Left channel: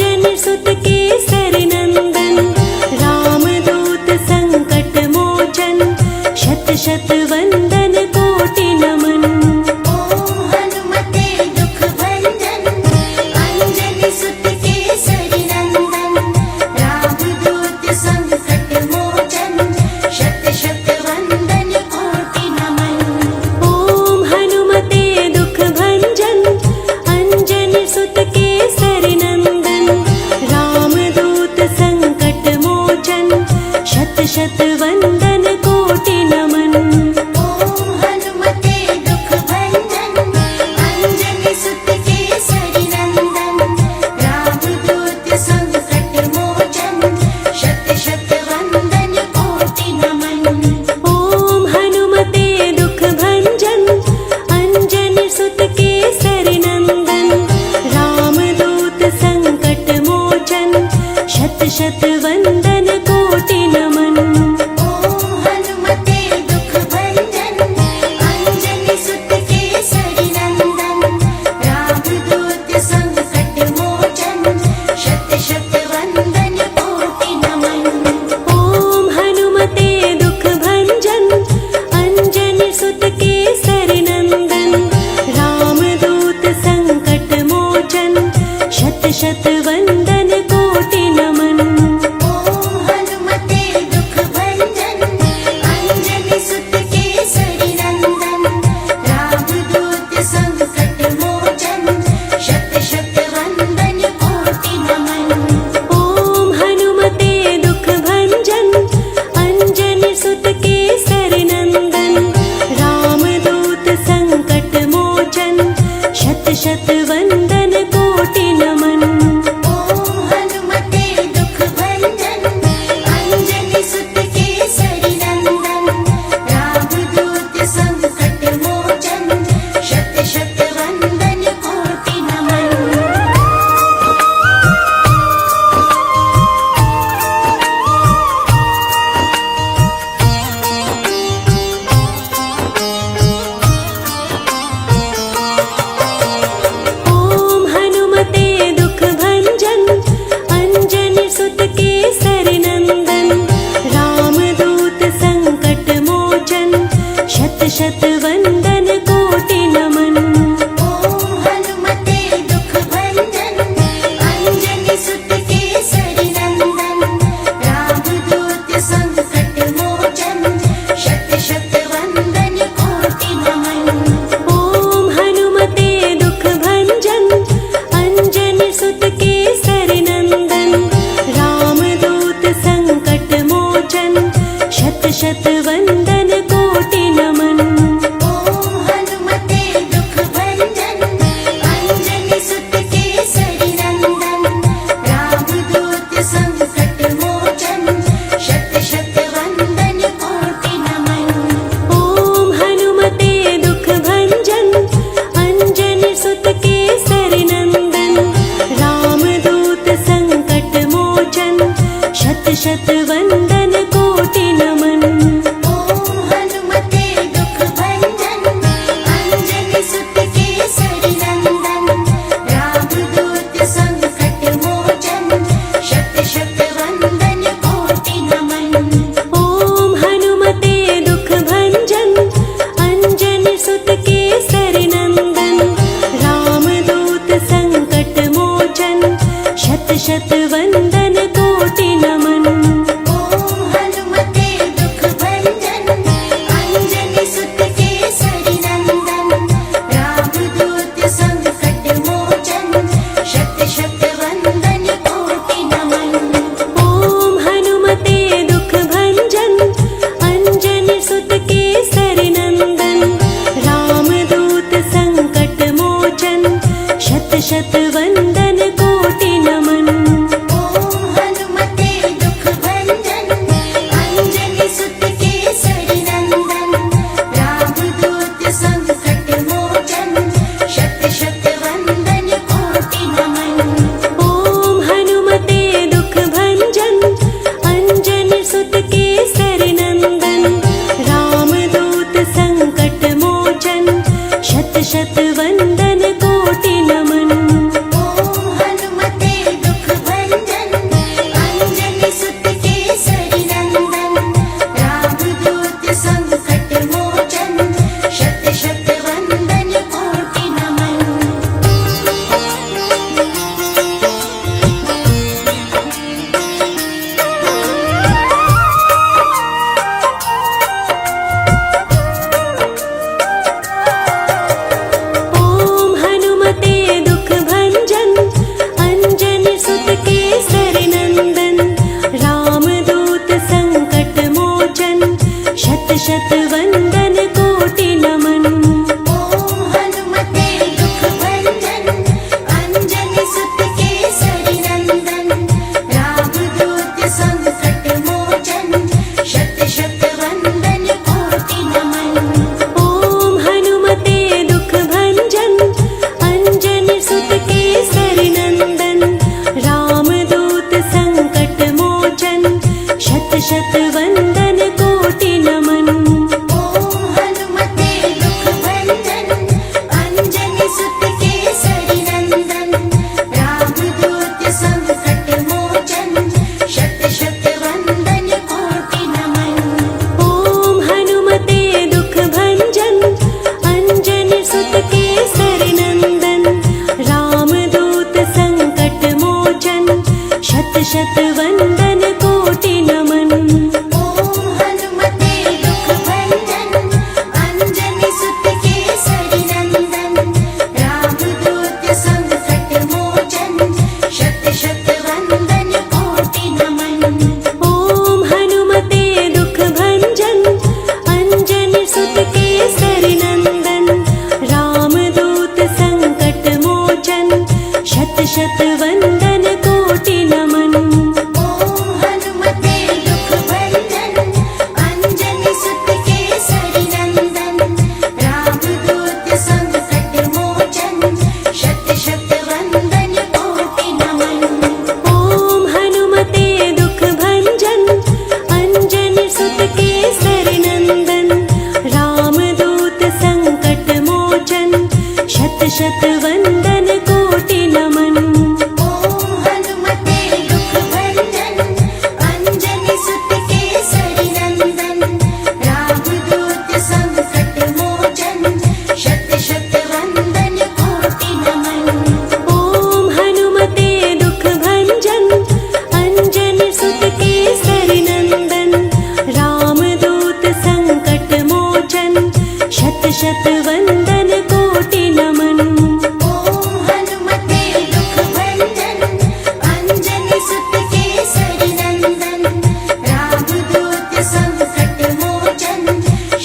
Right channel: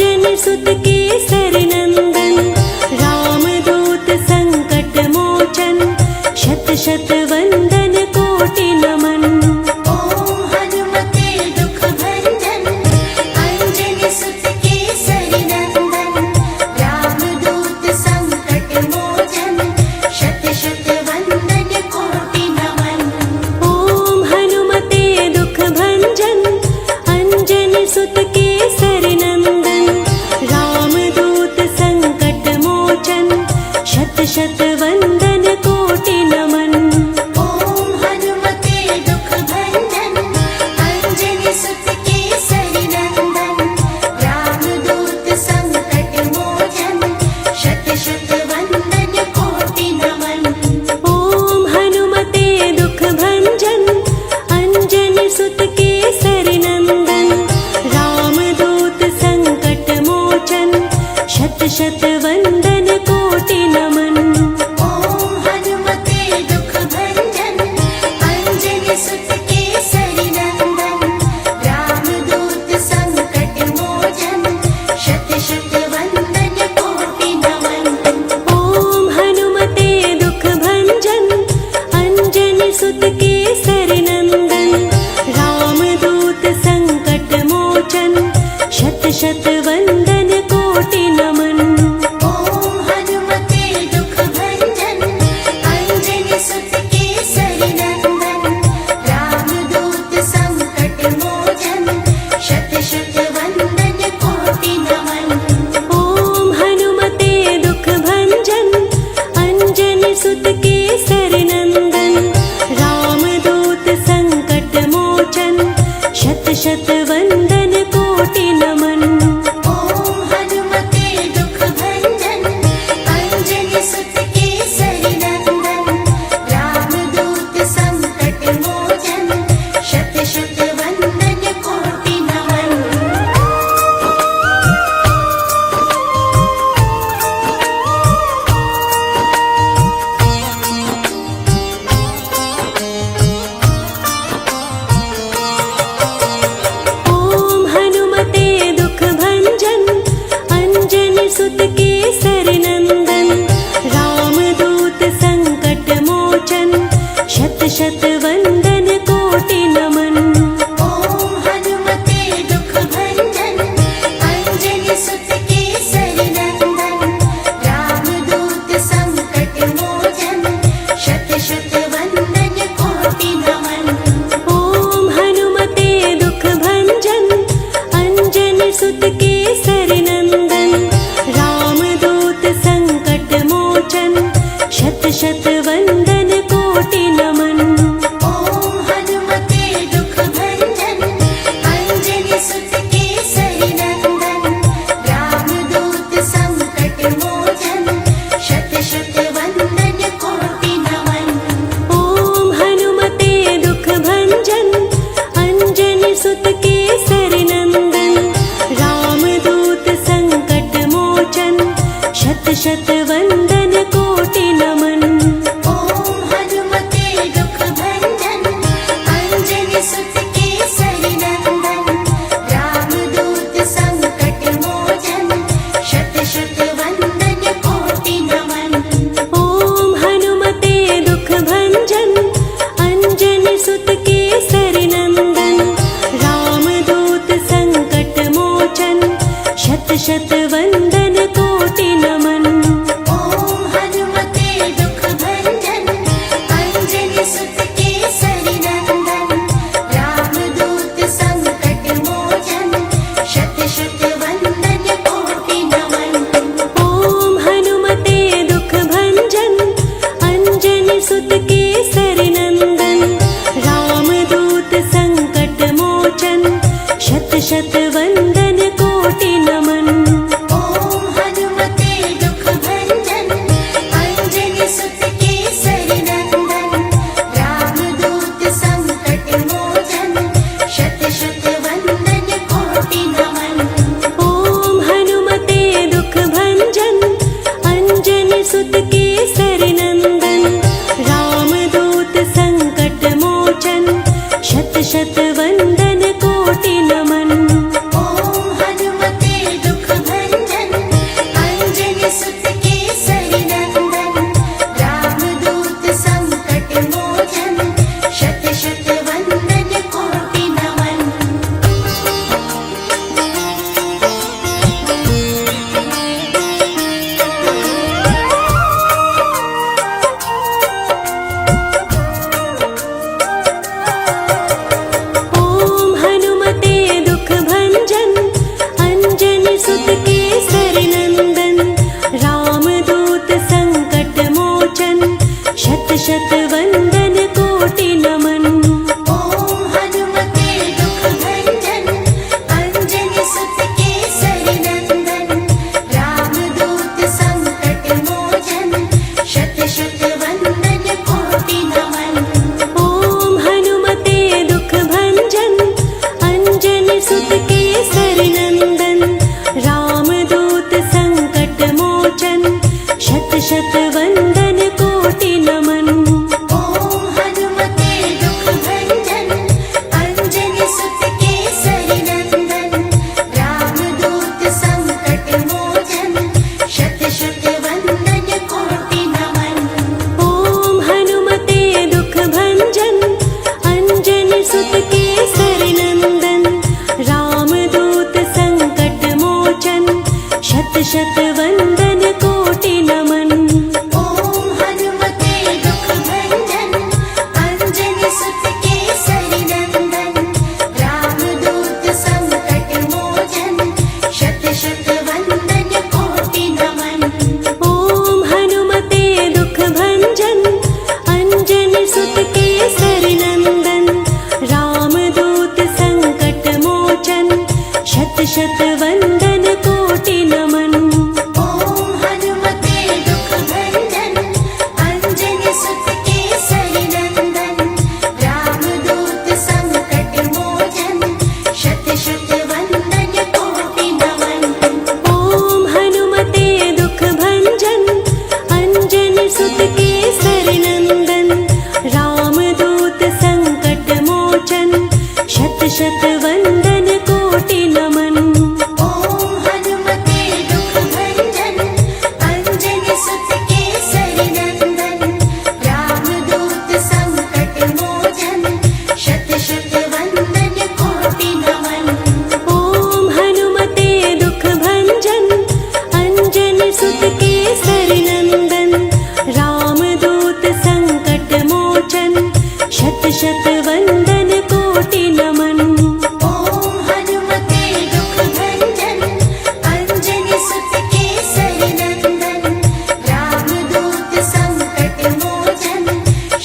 अंजनी सुत केसरी नंदन, रामदूत संकट मोचन, शत शत वंदन कोटि नमन। ओम हनुमते दुख भंजन, अंजनी सुत केसरी नंदन, रामदूत संकट मोचन, शत शत वंदन कोटि नमन। ओम हनुमते दुख भंजन, अंजनी सुत केसरी नंदन, रामदूत संकट मोचन, शत शत वंदन कोटि नमन। ओम हनुमते दुख भंजन, अंजनी सुत केसरी नंदन, रामदूत संकट मोचन, शत शत वंदन कोटि नमन। ओम हनुमते दुख भंजन, अंजनी सुत केसरी नंदन, रामदूत संकट मोचन, शत शत वंदन कोटि नमन। ओम हनुमते दुख भंजन, अंजनी सुत केसरी नंदन, रामदूत संकट मोचन, शत शत वंदन कोटि नमन। ओम हनुमते दुख भंजन, अंजनी सुत केसरी नंदन, रामदूत संकट मोचन, शत शत वंदन कोटि नमन। ओम हनुमते दुख भंजन, अंजनी सुत केसरी नंदन, रामदूत संकट मोचन, शत शत वंदन कोटि नमन। ओम हनुमते दुख भंजन, अंजनी सुत केसरी नंदन, रामदूत संकट मोचन, शत शत वंदन कोटि नमन। ओम हनुमते दुख भंजन, अंजनी सुत केसरी नंदन, रामदूत संकट मोचन, शत शत वंदन कोटि नमन। ओम हनुमते दुख भंजन, अंजनी सुत केसरी नंदन, रामदूत संकट मोचन, शत शत वंदन कोटि नमन। ओम हनुमते दुख भंजन, अंजनी सुत केसरी नंदन, रामदूत संकट मोचन, शत शत वंदन कोटि नमन। ओम हनुमते दुख भंजन, अंजनी सुत केसरी नंदन, रामदूत संकट मोचन, शत शत वंदन कोटि नमन। ओम हनुमते दुख भंजन, अंजनी सुत केसरी नंदन, रामदूत संकट मोचन, शत शत वंदन कोटि नमन। ओम हनुमते दुख भंजन, अंजनी सुत केसरी नंदन, रामदूत संकट मोचन, शत शत वंदन कोटि नमन। ओम हनुमते दुख भंजन, अंजनी सुत केसरी नंदन, रामदूत संकट मोचन, शत शत वंदन कोटि नमन। ओम हनुमते दुख भंजन, अंजनी सुत केसरी नंदन, रामदूत संकट मोचन, शत शत वंदन कोटि नमन। ओम हनुमते दुख भंजन, अंजनी सुत केसरी नंदन, रामदूत संकट मोचन, शत शत वंदन कोटि नमन। ओम हनुमते दुख भंजन, अंजनी सुत केसरी नंदन, रामदूत संकट मोचन, शत शत वंदन कोटि नमन। ओम हनुमते दुख भंजन, अंजनी सुत केसरी नंदन, रामदूत संकट मोचन, शत शत वंदन कोटि नमन। ओम हनुमते दुख भंजन, अंजनी सुत केसरी नंदन, रामदूत संकट मोचन, शत शत वंदन कोटि नमन। ओम हनुमते दुख अंजनी सुत केसरी नंदन रामदूत संकट मोचन शत शत वंदन कोटि नमन। ओम हनुमते दुख भंजन अंजनी सुत केसरी नंदन रामदूत संकट मोचन शत शत वंदन कोटि नमन। ओम हनुमते दुख भंजन अंजनी सुत केसरी नंदन रामदूत संकट मोचन शत शत वंदन कोटि नमन। ओम हनुमते दुख भंजन अंजनी सुत केसरी नंदन रामदूत संकट मोचन शत शत वंदन कोटि नमन। ओम हनुमते दुख भंजन अंजनी सुत केसरी नंदन रामदूत संकट मोचन शत शत वंदन कोटि नमन। ओम हनुमते दुख भंजन अंजनी सुत केसरी नंदन रामदूत संकट मोचन शत शत वंदन कोटि नमन। ओम हनुमते दुख भंजन अंजनी सुत केसरी नंदन रामदूत संकट मोचन शत शत वंदन कोटि नमन। ओम हनुमते दुख भंजन अंजनी सुत केसरी नंदन रामदूत संकट मोचन शत शत वंदन कोटि नमन। ओम हनुमते दुख भंजन अंजनी सुत केसरी नंदन रामदूत संकट मोचन शत शत वंदन कोटि नमन। ओम हनुमते दुख भंजन अंजनी सुत केसरी नंदन रामदूत संकट मोचन शत शत वंदन कोटि नमन। ओम हनुमते दुख भंजन अंजनी सुत केसरी नंदन रामदूत संकट मोचन शत शत वंदन कोटि नमन। ओम हनुमते दुख भंजन अंजनी सुत केसरी नंदन रामदूत संकट मोचन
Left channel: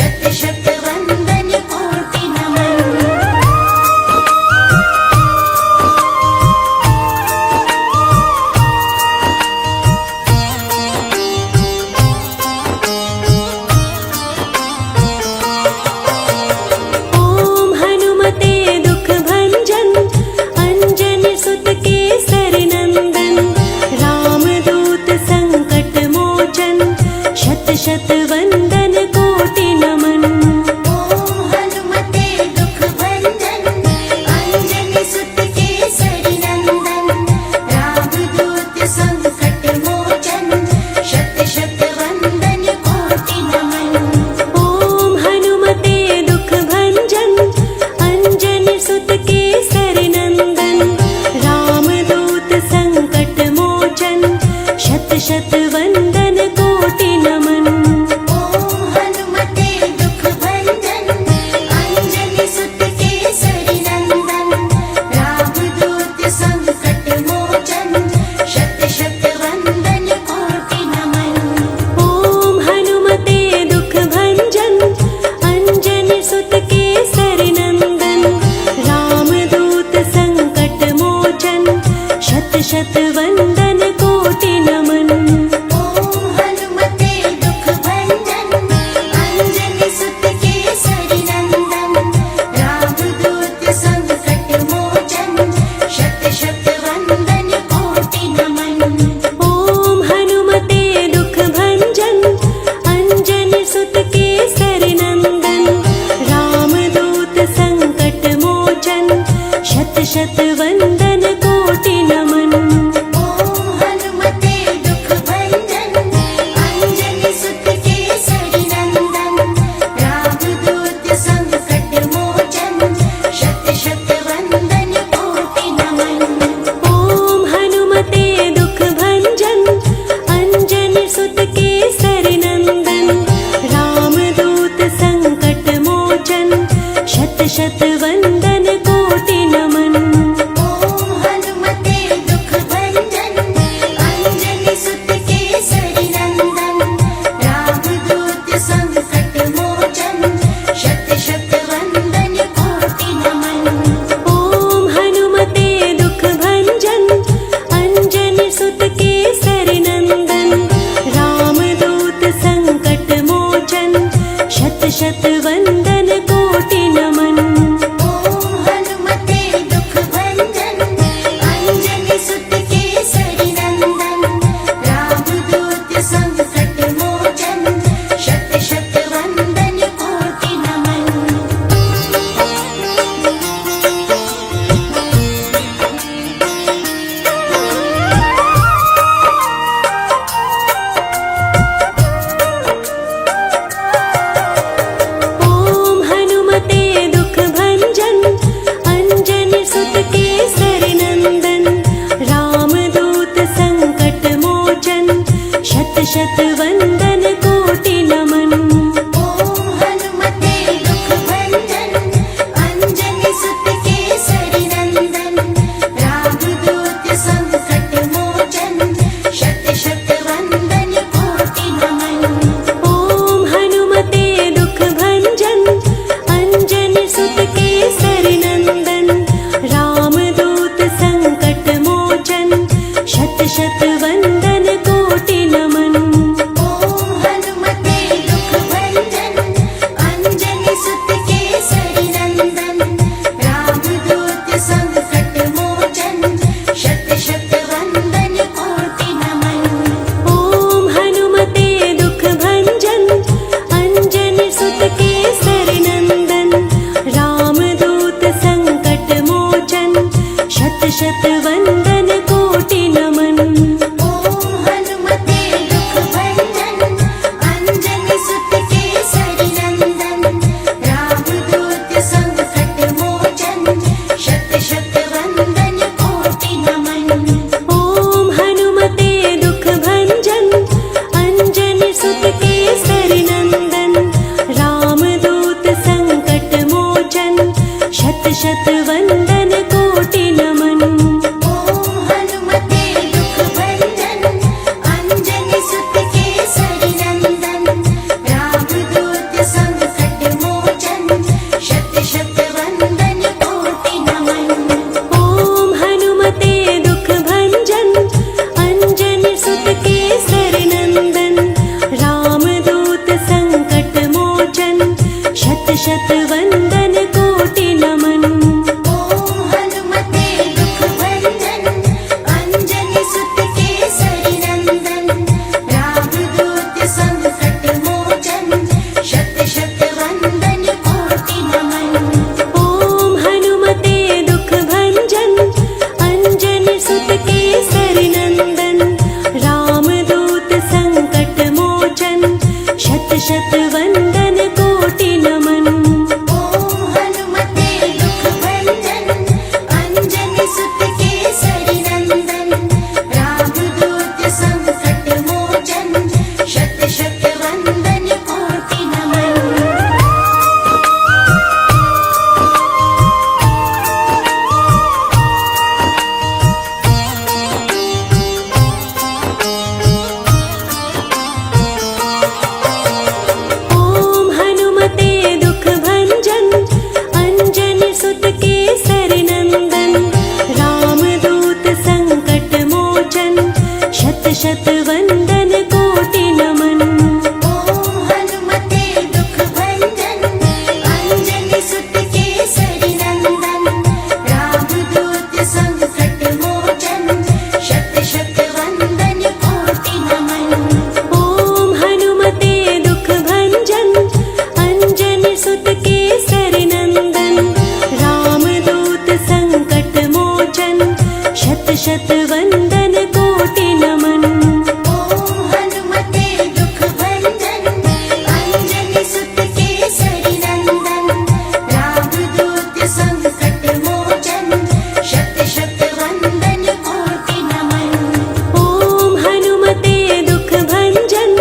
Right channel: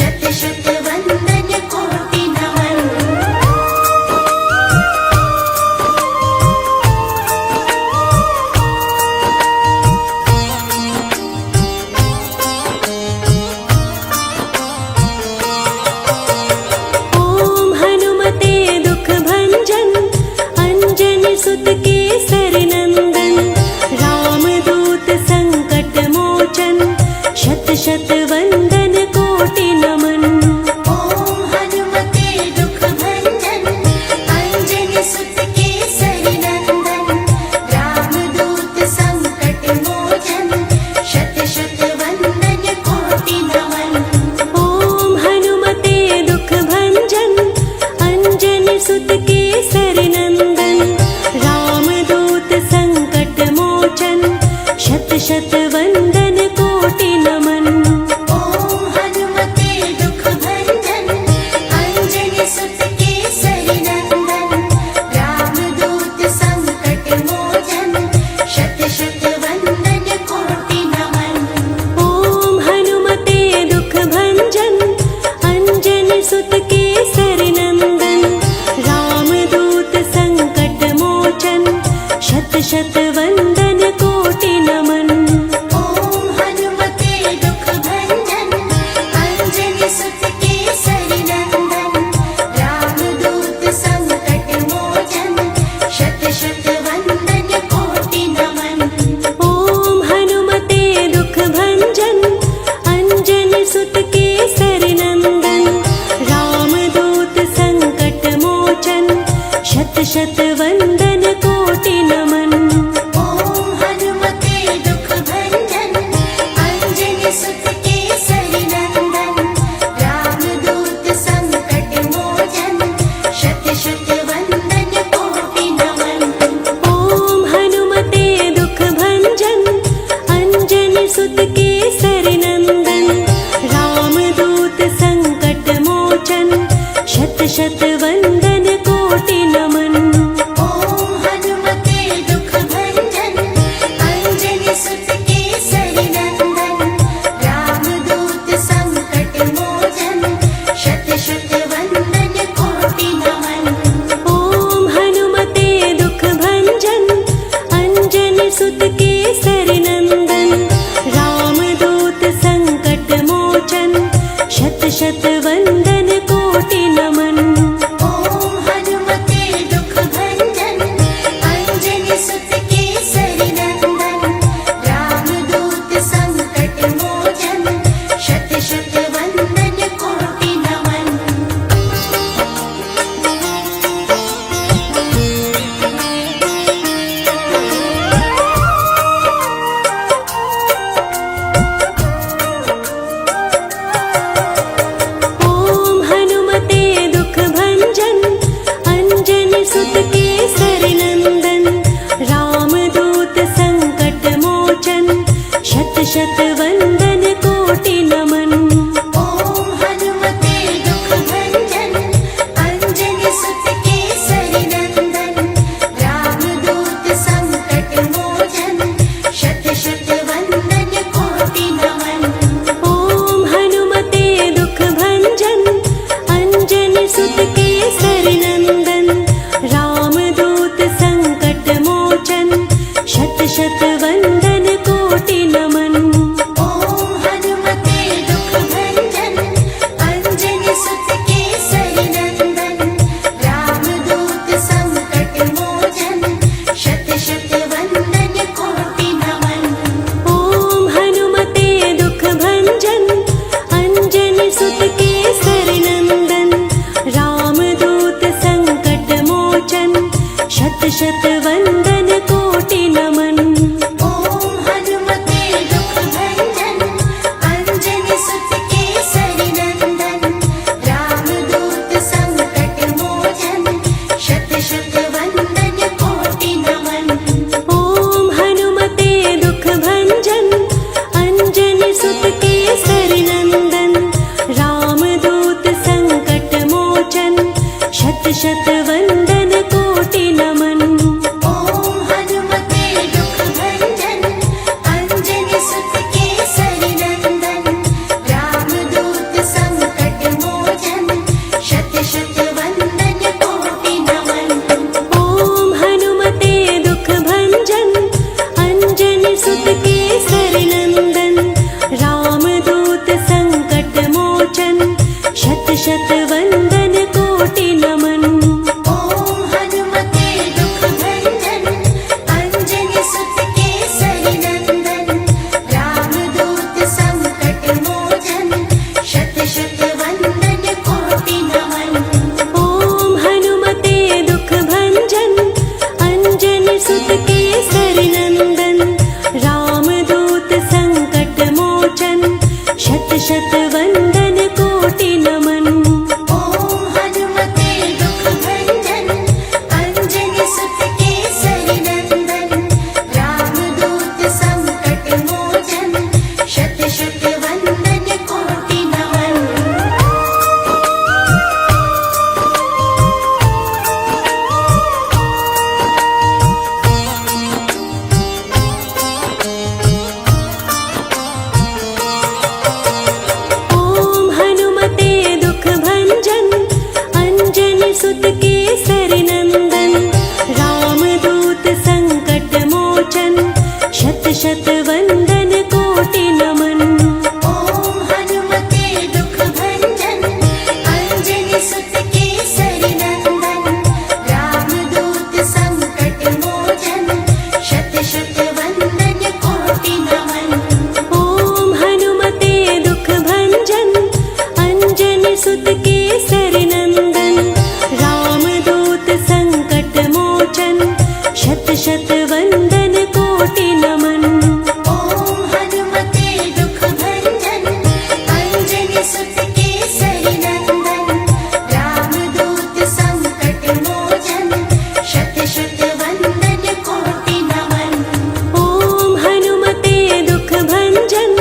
शत शत वंदन कोटि नमन। ओम हनुमते दुख भंजन अंजनी सुत केसरी नंदन रामदूत संकट मोचन शत शत वंदन कोटि नमन। ओम हनुमते दुख भंजन अंजनी सुत केसरी नंदन रामदूत संकट मोचन शत शत वंदन कोटि नमन। ओम हनुमते दुख भंजन अंजनी सुत केसरी नंदन रामदूत संकट मोचन शत शत वंदन कोटि नमन। ओम हनुमते दुख भंजन अंजनी सुत केसरी नंदन रामदूत संकट मोचन शत शत वंदन कोटि नमन। ओम हनुमते दुख भंजन अंजनी सुत केसरी नंदन रामदूत संकट मोचन शत शत वंदन कोटि नमन। ओम हनुमते दुख भंजन अंजनी सुत केसरी नंदन रामदूत संकट मोचन शत शत वंदन कोटि नमन। ओम हनुमते दुख भंजन अंजनी सुत केसरी नंदन रामदूत संकट मोचन शत शत वंदन कोटि नमन। ओम हनुमते दुख भंजन अंजनी सुत केसरी नंदन रामदूत संकट मोचन शत शत वंदन कोटि नमन। ओम हनुमते दुख भंजन अंजनी सुत केसरी नंदन रामदूत संकट मोचन शत शत वंदन कोटि नमन। ओम सुत केसरी नंदन रामदूत संकट मोचन शत शत वंदन कोटि नमन। ओम हनुमते दुख भंजन अंजनी सुत केसरी नंदन रामदूत संकट मोचन शत शत वंदन कोटि नमन। ओम हनुमते दुख भंजन अंजनी सुत केसरी नंदन रामदूत संकट मोचन शत शत वंदन कोटि नमन। ओम हनुमते दुख भंजन अंजनी सुत केसरी नंदन रामदूत संकट मोचन शत शत वंदन कोटि नमन। ओम हनुमते दुख भंजन अंजनी सुत केसरी नंदन रामदूत संकट मोचन शत शत वंदन कोटि नमन। ओम हनुमते दुख भंजन अंजनी सुत केसरी नंदन रामदूत संकट मोचन शत शत वंदन कोटि नमन। ओम हनुमते दुख भंजन अंजनी सुत केसरी नंदन रामदूत संकट मोचन शत शत वंदन कोटि नमन। ओम हनुमते दुख भंजन अंजनी सुत केसरी नंदन रामदूत संकट मोचन शत शत वंदन कोटि नमन। ओम हनुमते दुख भंजन अंजनी सुत केसरी नंदन रामदूत संकट मोचन शत शत वंदन कोटि नमन। ओम हनुमते दुख भंजन अंजनी सुत केसरी नंदन रामदूत संकट मोचन शत शत वंदन कोटि नमन। ओम हनुमते दुख भंजन अंजनी सुत केसरी नंदन रामदूत संकट मोचन शत शत वंदन कोटि नमन। ओम हनुमते दुख भंजन अंजनी सुत केसरी नंदन रामदूत संकट मोचन शत शत वंदन कोटि नमन। ओम हनुमते दुख भंजन अंजनी सुत केसरी नंदन रामदूत संकट मोचन शत शत वंदन कोटि नमन। ओम हनुमते दुख भंजन अंजनी सुत केसरी नंदन रामदूत संकट मोचन शत शत वंदन कोटि नमन। ओम हनुमते दुख भंजन अंजनी सुत केसरी नंदन रामदूत संकट मोचन शत शत वंदन कोटि नमन। ओम हनुमते दुख भंजन अंजनी सुत केसरी नंदन रामदूत संकट मोचन शत शत वंदन कोटि नमन। ओम हनुमते दुख भंजन अंजनी सुत केसरी नंदन रामदूत संकट मोचन शत शत वंदन कोटि नमन। ओम हनुमते दुख भंजन अंजनी सुत केसरी नंदन रामदूत संकट मोचन शत शत वंदन कोटि नमन। ओम हनुमते दुख भंजन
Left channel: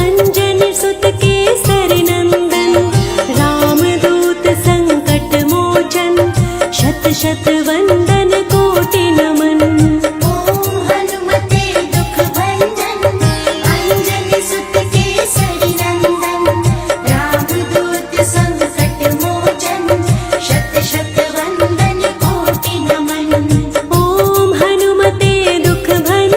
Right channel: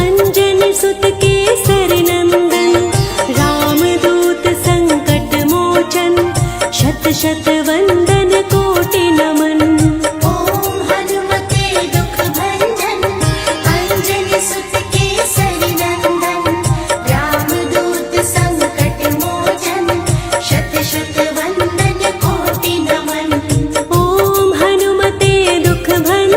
अंजनी सुत केसरी नंदन रामदूत संकट मोचन शत शत वंदन कोटि नमन। ओम हनुमते दुख भंजन अंजनी सुत केसरी नंदन रामदूत संकट मोचन शत शत वंदन कोटि नमन। ओम हनुमते दुख भंजन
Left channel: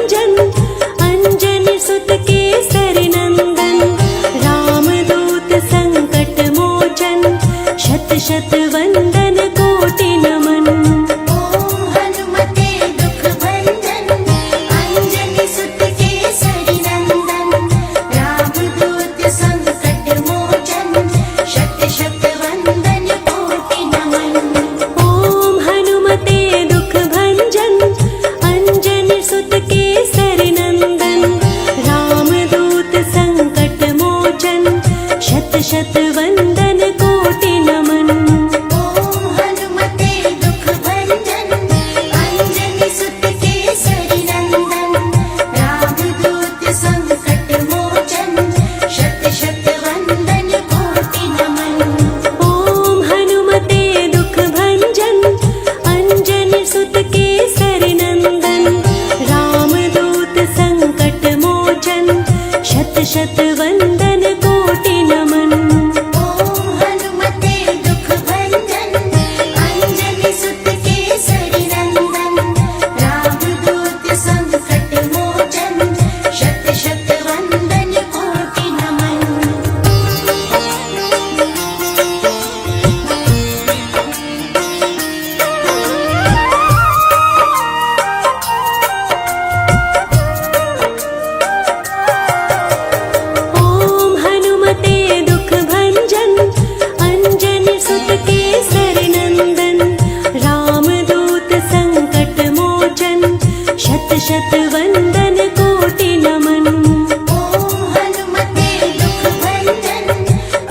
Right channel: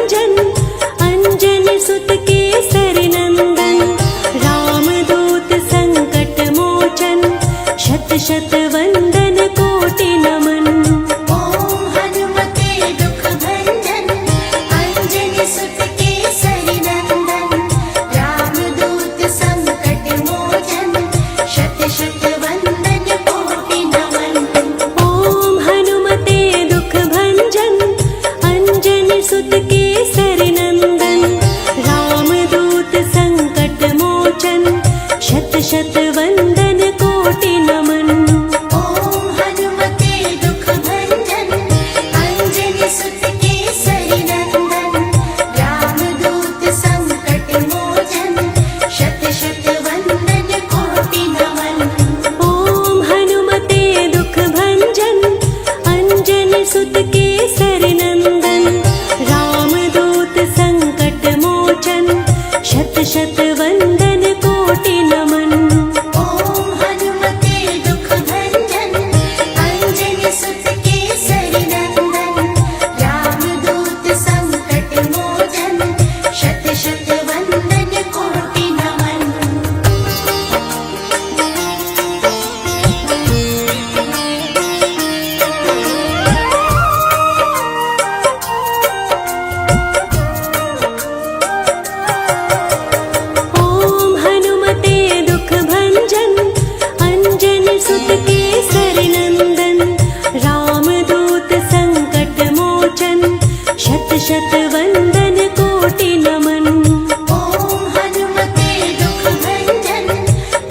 शत वंदन कोटि नमन। ओम हनुमते दुख भंजन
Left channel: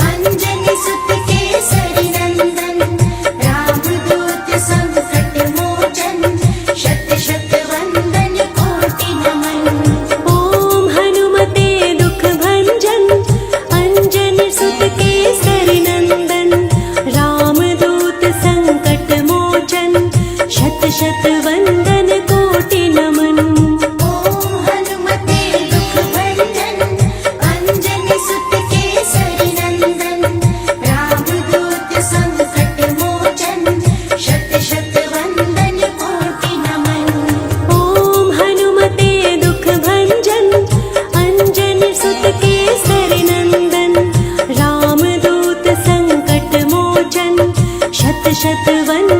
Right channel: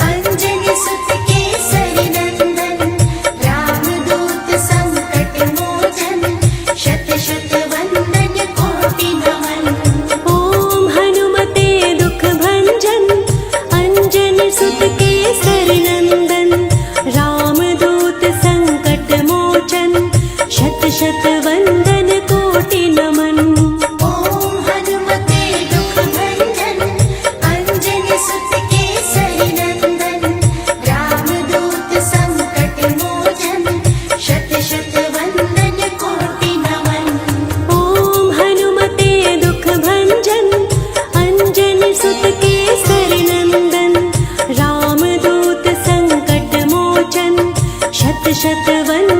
अंजनी सुत केसरी नंदन रामदूत संकट मोचन शत शत वंदन कोटि नमन। ओम हनुमते दुख भंजन अंजनी सुत केसरी नंदन रामदूत संकट मोचन शत शत वंदन कोटि नमन। ओम हनुमते दुख भंजन अंजनी सुत केसरी नंदन रामदूत संकट मोचन शत शत वंदन कोटि नमन। ओम हनुमते दुख भंजन अंजनी सुत केसरी नंदन रामदूत संकट मोचन शत शत वंदन